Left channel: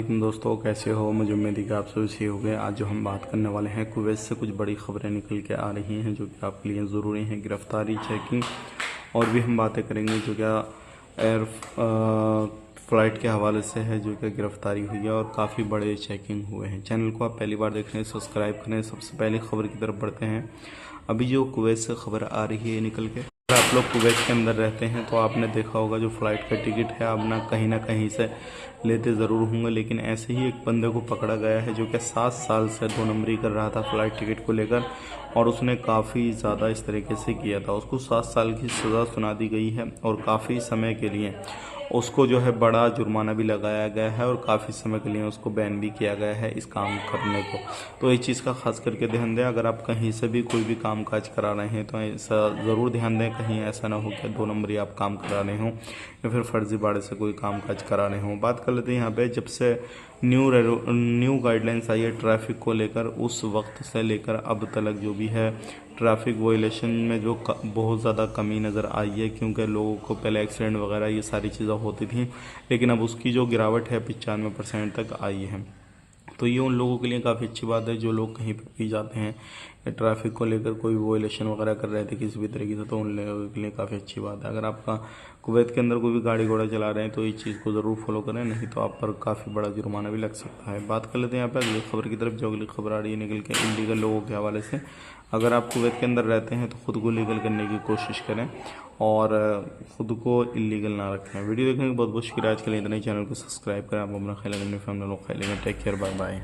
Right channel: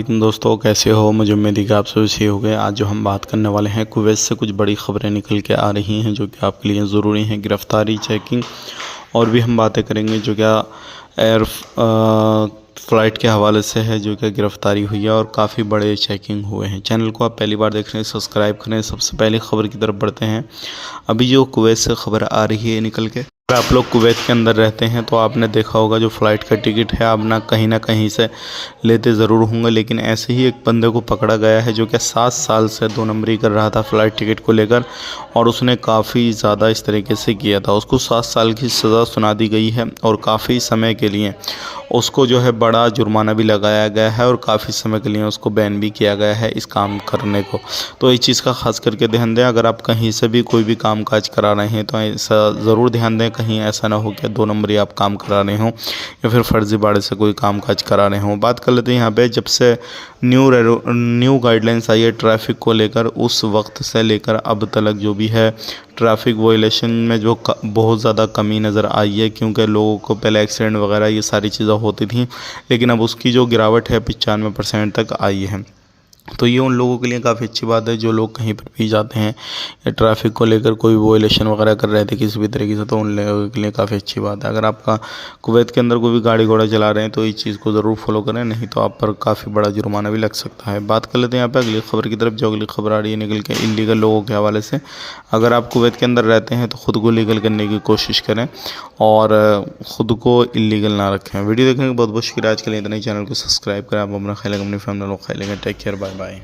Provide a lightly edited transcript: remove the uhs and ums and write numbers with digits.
लेकिन दोस्तों, कैसे हो? मुझे उम्मीद है कि आप सभी सही हो गए। आज जो हम बात करने वाले हैं, कुवैत से कुछ बड़ी खबरें निकल के आ रही हैं जो कि आपके लिए ज़रूरी हैं। गिरफ़्तारी, चेकिंग और भी हम बातें करेंगे जो क्या एयर फ़्लाइट के हवाले से है, जो क्या गिरफ़्तारी हुई है और काफ़ी बड़े चेकिंग हुए हैं। चैनल को आप पहली बार देख रहे हैं, सब्सक्राइब करें। सबसे पहले खबर की तरफ बढ़ते हैं। अभी जो कुवैत से खबर आ रही है निकल के, अगर आप लोग कुवैत के अंदर रहते हैं तो आपने देखा होगा जो फ़्लाइट का टिकट है आप ना कहीं से लेते ज़रूर होंगे। लेकिन ऐसे ही एक बंदे को पकड़ा गया है जो कि 7 साल से 2 नंबरी कर रहा था फ़्लाइट टिकट को लेकर, और उसने काफ़ी ज़्यादा इस तरीके से किया था। उसको 7 साल की सज़ा सुना दी गई है और काफ़ी समय के लिए उसको जो है बड़ा जुर्माना भी लगाया गया है और काफ़ी समय के लिए उसको बैन भी किया गया है इस काम करने को। तो इस चीज़ का ख़ास करके ध्यान दें। अगर आप कहीं से भी कोई भी काम काज करा रहे हैं तो ऐसा ज़रूर ध्यान दें, कहीं ऐसा ना हो कि 2 नंबरी आप काम करा रहे हों या फिर फर्जीवाड़े से कोई काम काज करा रहे हों। बात कर लेते हैं यहाँ पे, जब से न्यू गाइडलाइंस आई है ट्रैफ़िक को लेकर, उस वक्त से लेकर अब तक जो भी है ट्रैफ़िक वायलेशन में जो बहुत ज़्यादा कमी नज़र आई है, क्योंकि लोगों को पहले एक्सीडेंट वगैरह ये सारी चीज़ें होती थी, लेकिन अब उसकी जो गिरावट है 95% तक आई है। तो ये उन लोगों के लिए काफ़ी अच्छी बात है जो लोग कहीं पर भी जाते हैं या ट्रैफ़िक को लेकर कोई वायलेशन वगैरह कर रहे थे किसी भी तरीके से, तो उन लोगों के लिए काफ़ी अच्छी बात है। अगर आपका कुवैत के अंदर कोई भी गाड़ी घोड़ा चला रहे हैं तो इस चीज़ को ज़रूर फॉलो करें, नहीं तो आप पर काफ़ी बड़ा जुर्माना भी लग सकता है। बात कर लेते हैं यहाँ पे अगली खबर की तरफ। जो अगली खबर आ रही है निकल के इल्लीगल लोगों के हवाले से। अगर आप कुवैत के अंदर रहते हैं तो ख़ुद को लीगल करने की कोशिश करें और ख़ुद को इल्लीगल ना रखें। वीडियो देखने के बहुत बहुत शुक्रिया। आज के लिए इतना ही। चैनल को सब्सक्राइब करें। आप अपना ख्याल अपनी फैमिली लोग ख्याल। Take care, bye bye.